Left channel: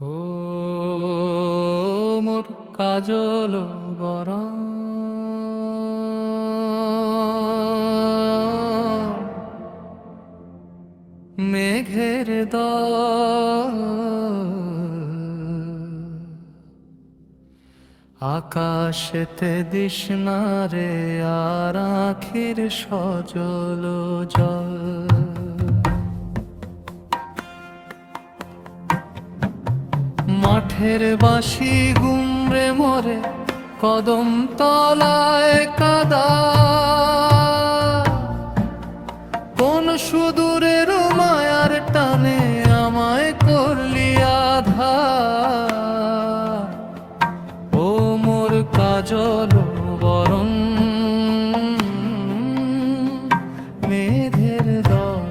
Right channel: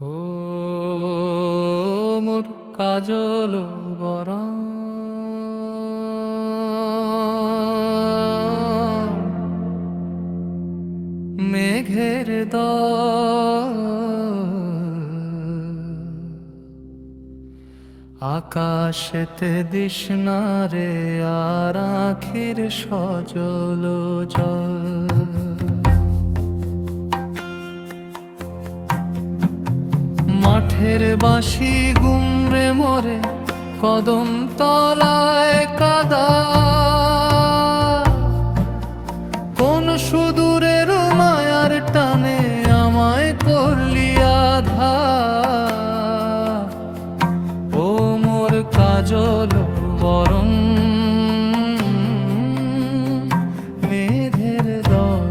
ও মোর কাজল বরণ মেঘের দল আকাশেতে দিশনা রে আর আখির সজল জল মাঠের বাঁশি গুমরে মরে কদম তলায় কাদা কোন সুদূরের মায়ার টানে আমায় করলি আধা ও মোর কাজল বরণ মেঘের দল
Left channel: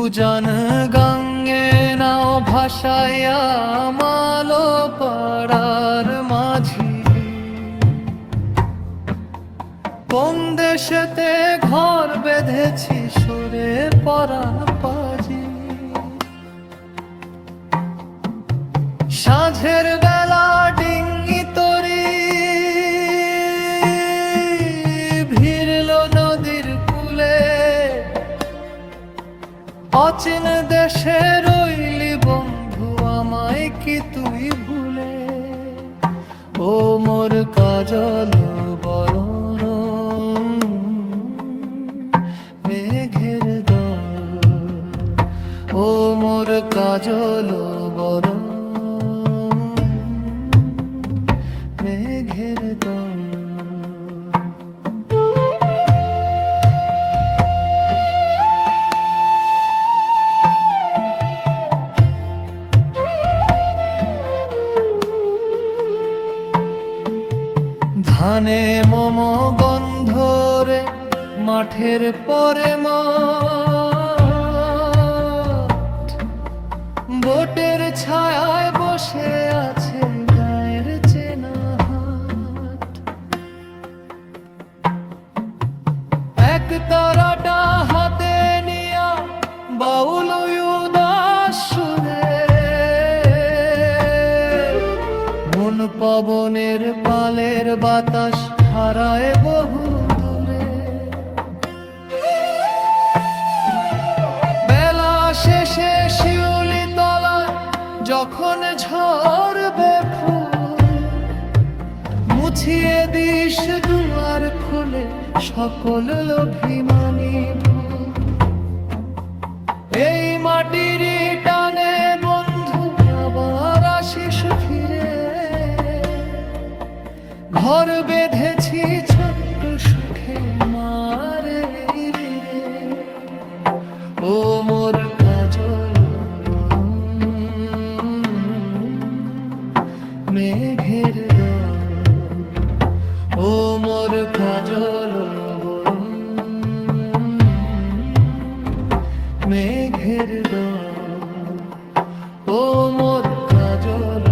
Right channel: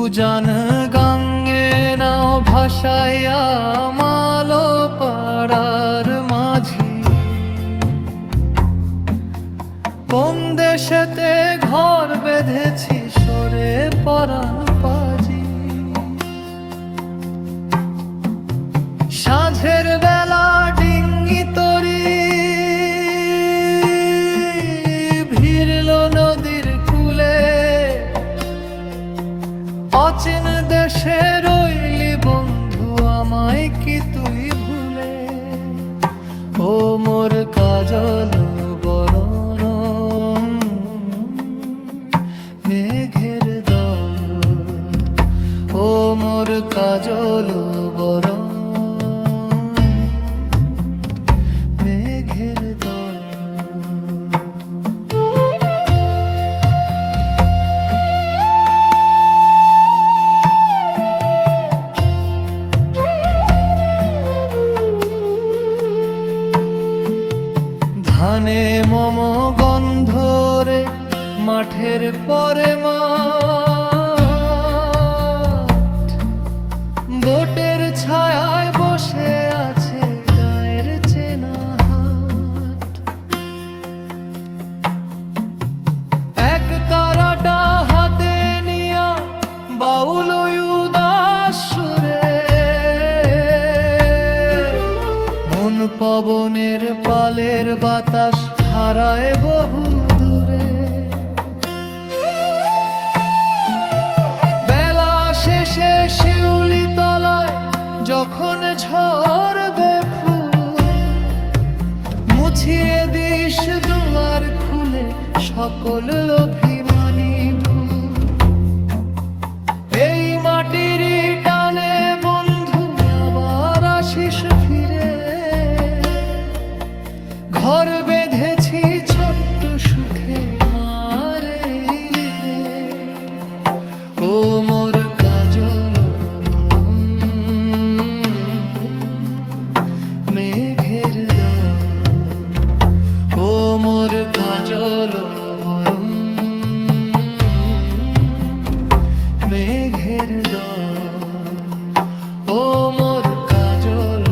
উজান গাঙ্গে নাও ভাসাইয়া মালো পাড়ার মাঝি কোন দেশেতে ঘর বেঁধেছি সরে পরাণ পাজি সাঁঝের বেলা ডিঙ্গি তরি ভিড়ল নদীর কূলে অচিন দেশে রইলি বন্ধু আমায় কি তুই ভুলে ও মোর কাজল বরণ মেঘের দল ও মোর কাজল বরণ মেঘের দল ধানে মম গন্ধরে মাঠের পরে মাঠ বোটের ছায়ায় বসে আছে গায়ের চেনা হাট এক তারাটা হাতে নিয়া বাউল উদাস সুরে মন পবনের পালের বাতাস হারায় বহু দূরে বেলা শেষে শিউলি তলায় যখন ঝরবে ফুল মুছিয়ে দিস দুয়ার খুলে সকল অভিমানী ভুল এই মাটির টানে বন্ধু আবার আসিস ফিরে ঘর বেঁধেছি ছোট্ট সুখে মারে রে ও মোর কাজল বরণ মেঘের দল ও মোর কাজল বরণ মেঘের দল ও মোর কাজল